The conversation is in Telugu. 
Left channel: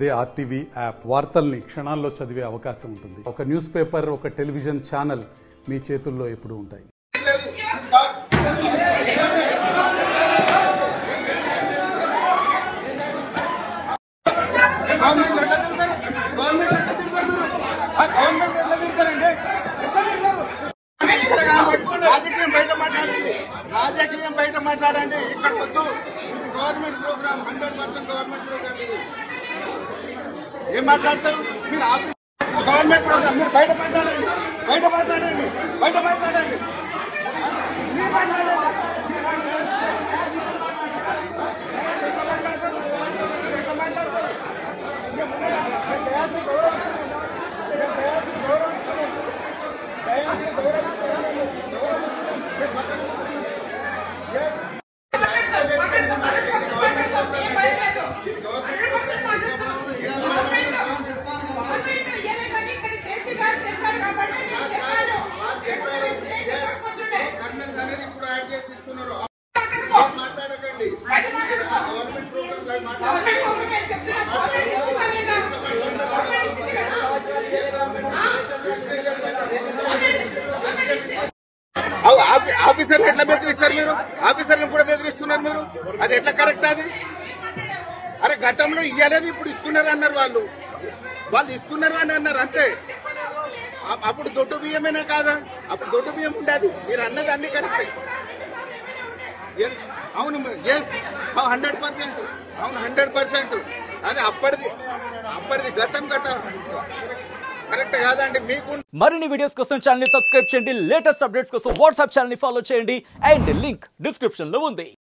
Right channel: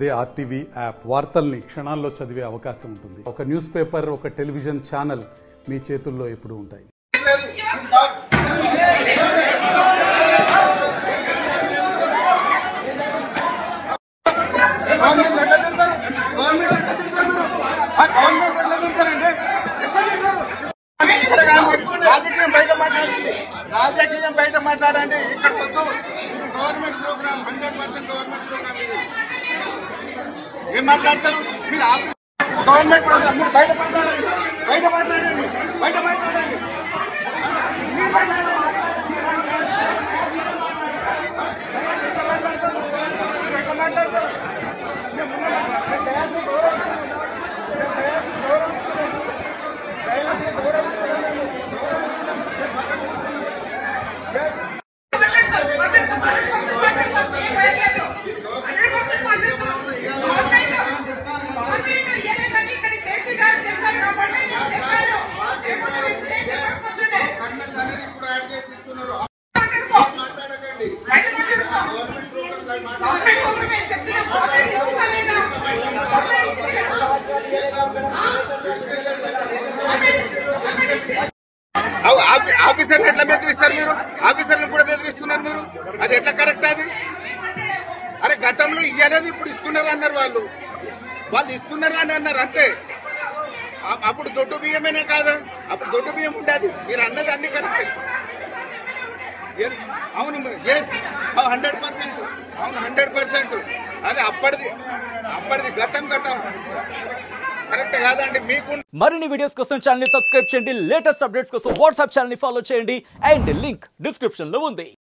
అదే ఆర్టీవీ యాప్ వార్తల్ని క్షణాల్లో చదివే అవకాశం ఉంటుంది. ఒక న్యూస్ పేపర్, ఒక టెలివిజన్ ఛానల్ మీ చేతుల్లో ఎప్పుడూ ఉంటాయి. రాజకీయం బయట మాట్లాడండి. ఇక్కడ వద్దు. ఇది గవర్నమెంట్ ప్రోగ్రామ్, 100% గవర్నమెంట్ ప్రోగ్రామ్. ఇది ఏం మాట్లాడతారు మీరు? గవర్నమెంట్ ప్రోగ్రామ్ మీరు బయట మాట్లాడండి. బయట మాట్లాడండి. బయట మాట్లాడండి. ఆఫీసర్ని ఎట్లా బెదిరిస్తారు మీరు? ఆఫీసర్ని కూడా బెదిరిస్తున్నారు మీరు. అది ఎట్లా కరెక్ట్? అది అరే గతంలో ఇయ్యలేదు, ఇప్పుడు ఇస్తున్నారు అన్నారు. వాళ్ళు ఇస్తున్నారు అని అన్నారు అంతే. అప్పుడు దొడ్డు బియ్యమేనా కాదా? అప్పుడు దొడ్డు బియ్యం ఉండేది. మీరు అన్నది అన్ని కరెక్ట్. అవును, 100%. అది అప్పటిది గతం కరెక్ట్ కాదండి. మీకు మరిన్ని వీడియోస్ కోసం ఛానల్ ని సబ్స్క్రైబ్ చేయండి. లేటెస్ట్ అప్డేట్స్ కోసం వాట్సాప్ ఛానల్ ని ఫాలో చేయండి. అండ్ లింక్ డిస్క్రిప్షన్ లో ఉంది.